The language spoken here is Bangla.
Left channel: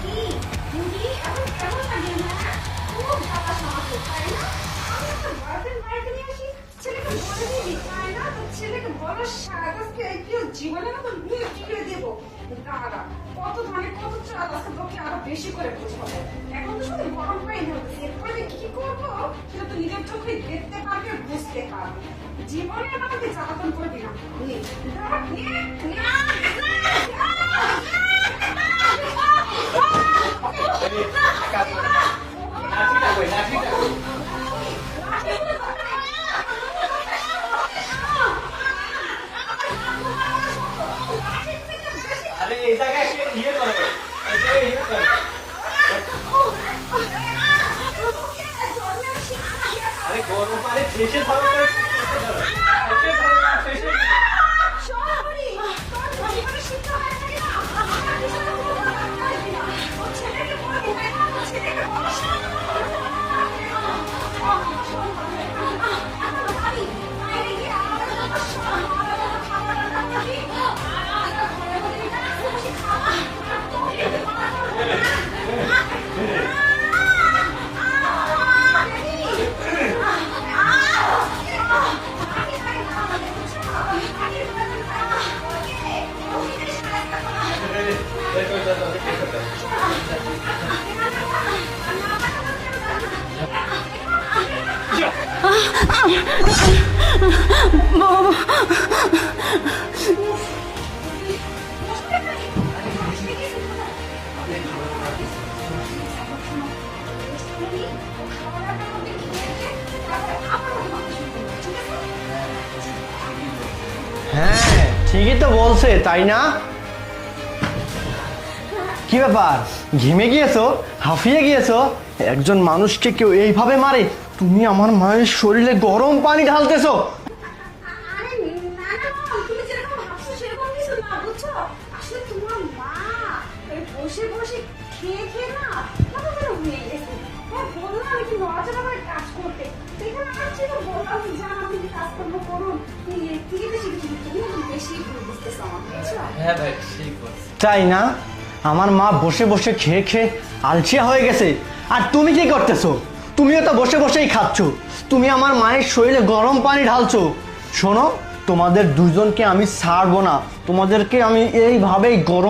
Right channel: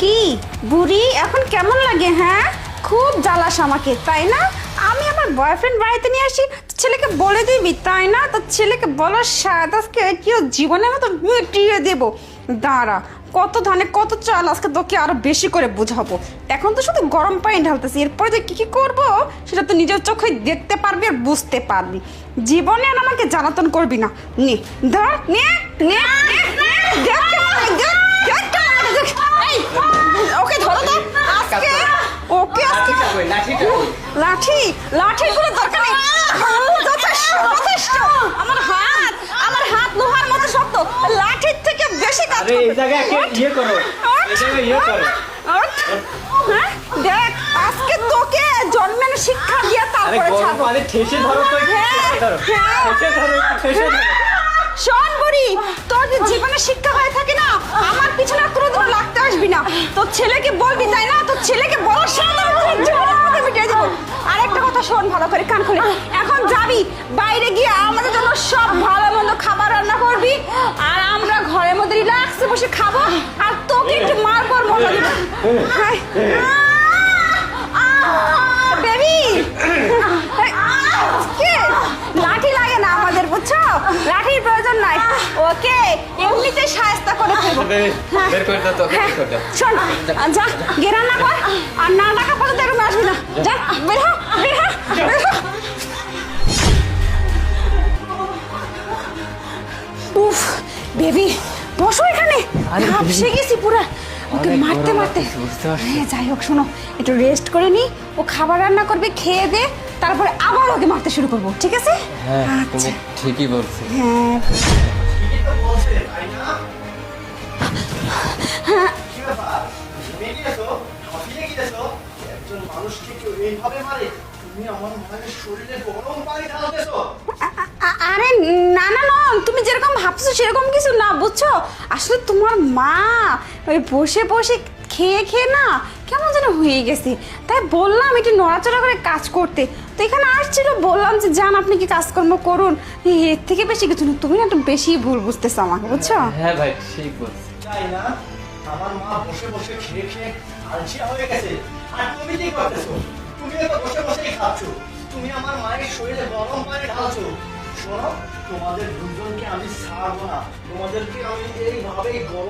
কি বুড়ি এখন কেমন লাগে? হ্যাঁ, খুব জ্বালাস আমাকে তাই না? আমি আমার বয়ফ্রেন্ড বাড়িতে নিয়ে আসি, ছেলেকে বলে দিবি তাই না? তো ছেলেকে বলার সাথে আজকে কি জীবনের মতো মিটিয়ে দেবো। দাঁড়া, কত ধানে কত চাল, আজকে তোকে আরো বেশি করে বুঝাবো। এখন তো শুধু গরম পানি ঢালতেছি, এরপরে যে কি কি করবো সেটা তো নিজের চোখে দেখতে পারবি আর বুঝতে পারবি। জীবনে আর আমাকে জ্বালাতন করবি না। নে ধর, নে নে ওকে ধরো তো আজকে, ওকে আজকে লাঠি লাঠির কোনো দরকার নেই। যথেষ্ট। আমার হাত লোহার মতো শক্ত, লাঠির থেকে বেশি কাজ। আরে এই জায়গায় ইয়ে করো, এই জায়গায় ইয়ে করো। হ্যাঁ, দেখ আজকে তোকে জন্মের শিক্ষা দিয়ে তারপরে ছাড়বো। আরে ঠেসে ধরো তো, ঠেসে ধরো। শোন বুড়ি, তোর যে জীবনে শিক্ষা হয়ে থাকে না, আমার পিছনে আর কোনোদিন লাগতে আসবি না। তোর ছেলেকে বলবি তাই না? তোর ছেলেকে বলার সাথে জীবনে মিটিয়ে দেবো। আরেকটা কথা শোন ভালো করে, কান খুলে। এখন যাবি বাইরে গিয়ে আমাদের জন্য সব ভালো মন্দ খাবার রান্না করবি, আর আমরা ঘরের মধ্যে রিল্যাক্সে বসে খাবো, আর তোকে একটু মারবো আর মজা দিবো। বেবি, লাঠি লাগে না আমাদের, বুঝছো? লাঠির প্রয়োজন নাই। ওকে এমনিতে সাহায্য করে দেবো। বের করে দাও তো, বের করে দাও। শোন, যা গিয়ে রান্না কর, আর না টাকা পর্যন্ত এরকম আসবি না। যা বের হ, বের হ, বের হ। উফ বেবি, বসো এখানে। সে গেছি পুরা ওকে মারতে মারতে। হ্যাঁ যাই হোক, শোনো একটু রেস্ট করে নি, ও খাবার রান্না করবে, খেয়ে দে, তারপরে আবার ওকে মারতে শুরু করবো, ঠিক আছে? আচ্ছা ঠিকই বলছো। হ্যাঁ ঠিকই তো বলছে তাই না? কি ব্যাপার, ঘেমে গিয়েছো, হাঁফিয়ে গিয়েছো? একজন মানুষকে কেউ এইভাবে মারে, তুমি আমার মায়ের শরীরে গরম পানি ঢালতেছো? আরে না না না, তুমি যেরকম ভাবছো সেরকম কিছু না, বুঝছো? আসলে তোমার মা ওই বসে বসে খেয়ে খেয়ে না কেমন যেন হয়ে গেছে, তাই বললাম একটু নড়াচড়া করে কাজ করতে। তো এখানে আসছিল, বললাম যে যান আপনি কি কাজকর্ম করুন, এর থেকে বেশি কিছু না। তুমি না একটু বেশি ভুল বুঝতেছো আমাকে, বুঝছো? হ্যাঁ ভাই ঠিক বলছো। তাই না? আমার মা বসে বসে খেয়ে খেয়ে আলসিয়া হয়ে গেছে, আর তুমি কি করতেছো? তুমিও তো বসে বসেই খাচ্ছ, তুমি আমার মায়ের শরীরে গরম পানি ঢালছো। শোনো, তোমাদের দুজনকে আমি ছাড়বো না, তোমাদেরকে আমি এইভাবেই গরম